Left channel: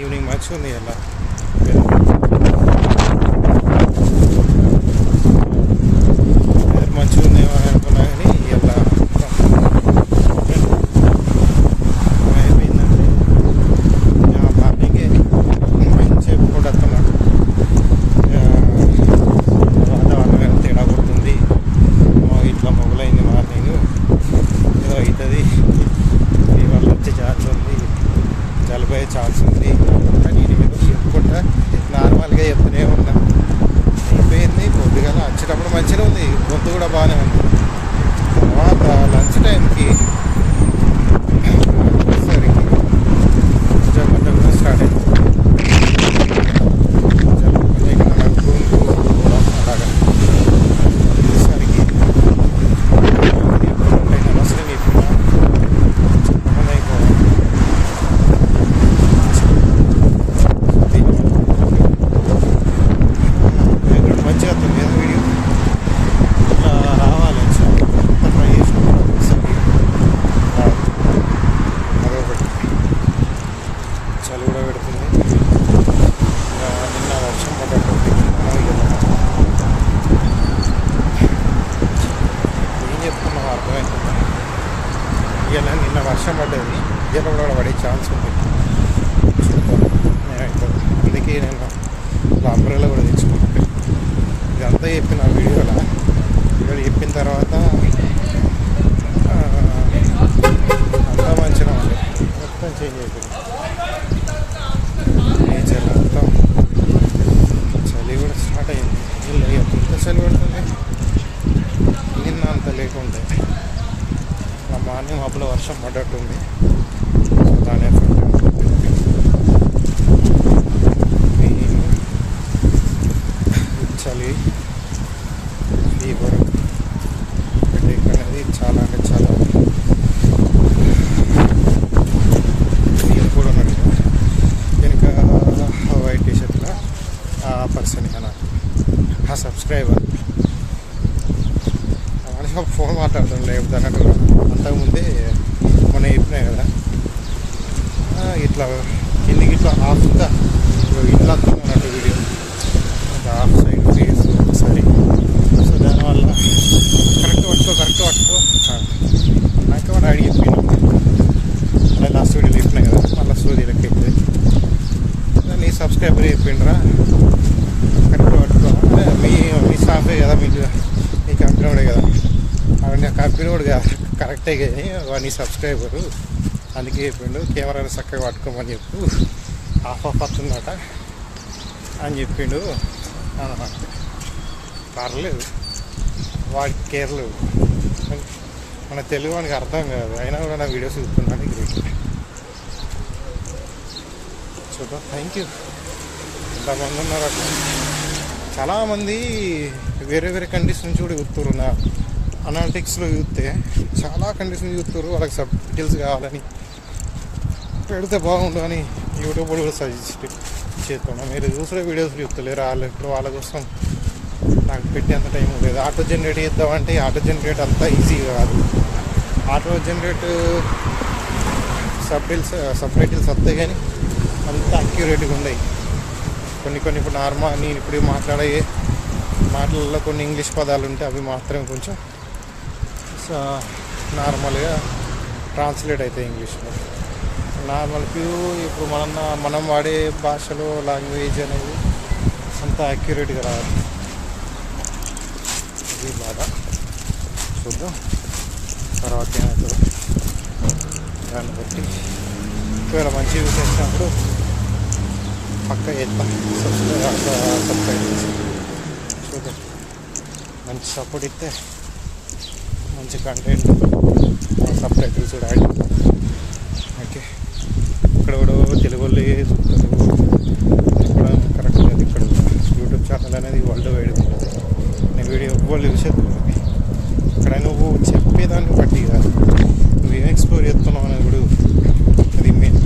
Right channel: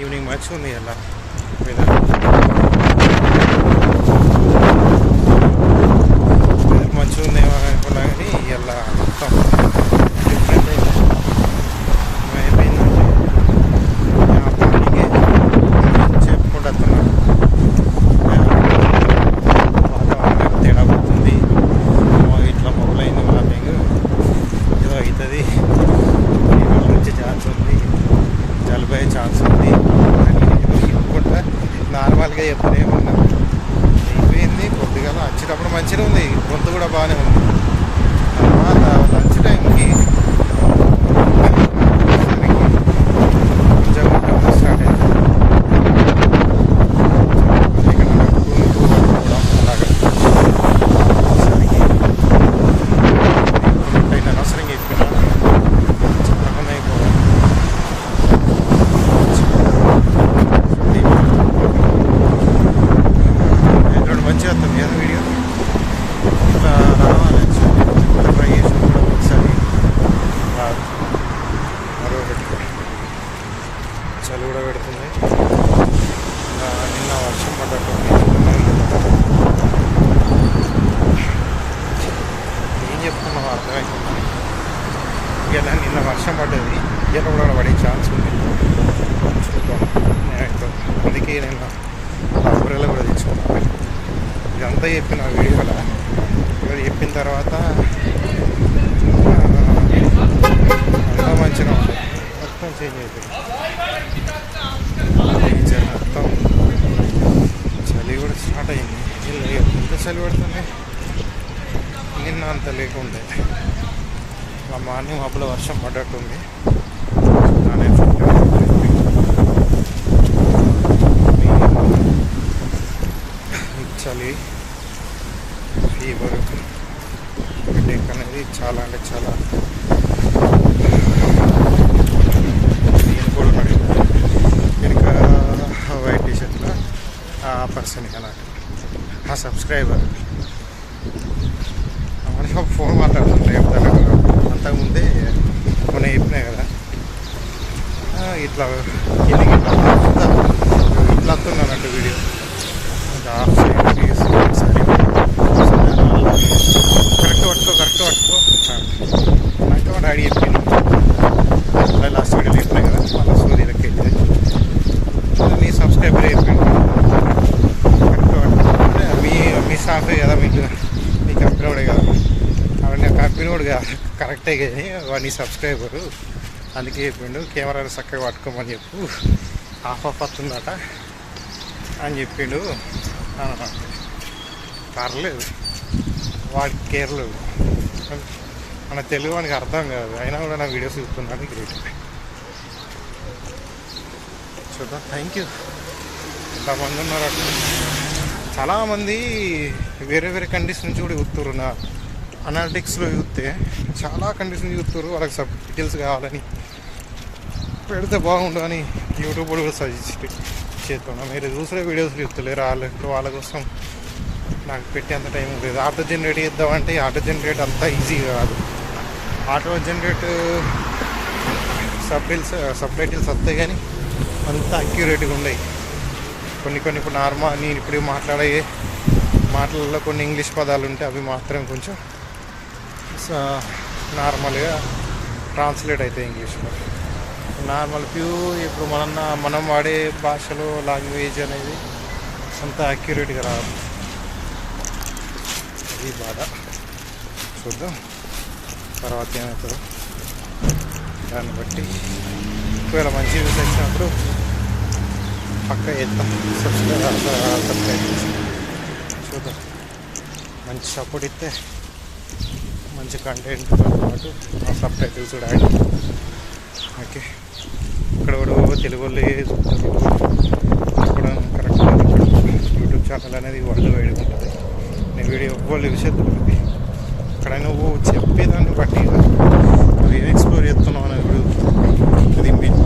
Evening మంచిగా ఉంది అలా వెదర్ మంచిగా ఉందేమో అనుకున్నా కానీ ఇలా మొత్తం అయిపోయిందంటే మార్నింగే చెప్పుకుంటూ వస్తున్నాం. వాతావరణం తేడా కొడుతుంది, ఇట్లా మొదలైంది మార్నింగ్ ఏదో అవుతుంది, ఫీవర్ వచ్చే ఛాన్స్ ఉంది, జలుబు అయ్యే ఛాన్స్ ఉంది అని నేను చెప్పుకుంటా నార్మల్గా చెప్తూనే ఉన్నా. అయిపోయింది. కొద్దిగా వచ్చేటప్పుడు మంచిగా ఉంది, గొంతు కూడా బాగానే ఉంది. తర్వాత లంచ్ టైంకి సరికి కొంచెం స్టార్ట్ అయింది. ఇక్కడ నడుపుకోవడం అలాగా సరికి అయినా అనవసరంగా చెప్పినా చెప్పకుండా అయిపోవాలి. మంచిగా వస్తుంది కదా వీడియో, ఇట్లా రావాలి. ట్రై చేసిన కూడా ఒకసారి రాదు. మరొకటి చలి కూడా పెడుతుంది. నిన్న వర్షం పడ్డట్టుంది, ఏం చెప్తున్నావు అర్థమవుతుందా? ఇలా నిన్న వర్షం పడ్డది, ఇలా కూడా పడే ఛాన్స్ ఉంది. చూద్దాం నేనైతే. అందుకే నేను అలా అంబ్రెల్లా కూడా తెచ్చుకున్నాను. ఇదంతా చెప్పిన వీడియోలో ఇక్కడ చెప్పిన తర్వాత అంతా మంచిగా ఉండే, మొత్తం చేంజ్ అయిపోయింది నేచర్ మొత్తం. చలి కూడా స్టార్ట్ అయింది. ఇలా ఎంత చలి పడుతుంది, నిన్న అంత లేకుండే. మా మార్నింగ్ మబ్బులో వర్షం పడ్డట్టుంది, దాని ఎఫెక్ట్ చలి, ఫీవర్, హెడేక్ అనేది చాలా అంటే చాలా. నేను కూడా ఉన్నాడు వెనుక వైట్ టీషర్ట్లో ఆ పర్సన్ అన్నట్టు, ఆ సబ్స్క్రైబర్. మనిషి ఫోన్ మాట్లాడుతుండే చెప్తాను. అంతకుముందే మొన్న చెప్పినాయి కదా, ఇట్లా కిందికి ఇట్లా హాఫ్గా ఇట్లా వస్తుంది అన్నట్టు వీడియో. హాఫ్ ఒకసారి సో దానివల్ల కరెక్ట్ పట్టుకో నాకు మా డాడీ చెప్పింది. అలా లాస్ట్ వీడియోలో చెప్పినాయి కదా, మళ్ళీ సూర్య లెక్క అవుతుంది. నీ సబ్స్క్రైబర్ చెప్పిండు కరెక్ట్ పట్టుకో అంటే మీ స్టాఫే కదా, మీ కంపెనీ కూడా కదా. అవన్నీ కంపెనీ కూడా కరెక్టే కానీ నీ సబ్స్క్రైబరు, అందుకే చెప్పిండు కెమెరా చక్కగా పట్టుకోమని చెప్పు, ఆఫ్ వస్తుందట అని చెప్పిండు. పర్లేదు, వాడికి కేర్లేదు. మన తెలుగు వానికి అర్థం కాదు, అయినా కూడా నా వీడియోస్ చూస్తున్నాను. గ్రేట్. చూద్దాం. Thank you. ఎంతమంది ఉన్నారు అట్లా. చాలామంది వేరే వేరే కంట్రీస్ నుంచి కూడా చూస్తున్నారు. నా అనాలిటిక్స్లో చూస్తే చాలా కంట్రీస్ నుంచి చూస్తున్నారు. వాళ్ళకి సబ్ డీటెయిల్స్ కావాలని పెడితే బాగుండు అని యూట్యూబ్ కూడా సజెస్ట్ చేస్తున్నాం. మీరు చూసే వీడియోస్ చూస్తలేరు, వాళ్ళ కోసం నాకు పెట్టేంత టైం లేదు. ఆటో జనరేట్ చేద్దామంటే ఆటో జనరేట్ అంతా ఈజీ కాదు. ఆటో జనరేట్ సబ్ టైటిల్స్ వస్తాయి కానీ అంత అక్యురేట్గా ఉన్నాయి. కొన్ని ఇప్పుడు నార్మల్ నేను ఇప్పుడు మాట్లాడే మాటలలో కొన్ని ఇంగ్లీష్ పదాలు ఉంటే అవి మాత్రం కొంచెం నార్మల్గా ట్రాన్స్లేట్ అవుతాయి ఇంగ్లీష్లో. నార్మల్ ఇప్పుడు మనం వాడే భాషలో లాంగ్వేజ్ అనేది అంత అక్యురేట్గా రాదు. అది బాధ. చూద్దాం తర్వాత ఏమవుతుందో దాన్ని బట్టి. ఒకవేళ మంచి యూస్ వచ్చినప్పుడు పక్క చేద్దాం సబ్స్క్రైబ్. చూద్దాం, మంచి సపోర్ట్ ఇస్తే మంచి కంటెంట్ సబ్ టైటిల్స్ కూడా యాడ్. ఓకే, ఇక్కడ కూడా తెలుగు వాళ్ళు చూస్తారు కూడా కరెక్ట్. ఇక్కడ యూట్యూబ్ ఛానల్ అనేది వరల్డ్ వైడ్ ఉంటుంది. నేను వీడియో వాళ్ళు విషయం ఇక్కడ నువ్వు చెప్పేదాన్ని బట్టి నువ్వు ఏం ఎక్స్ప్లోర్ చేస్తున్నావు అనేది కూడా అది మెయిన్.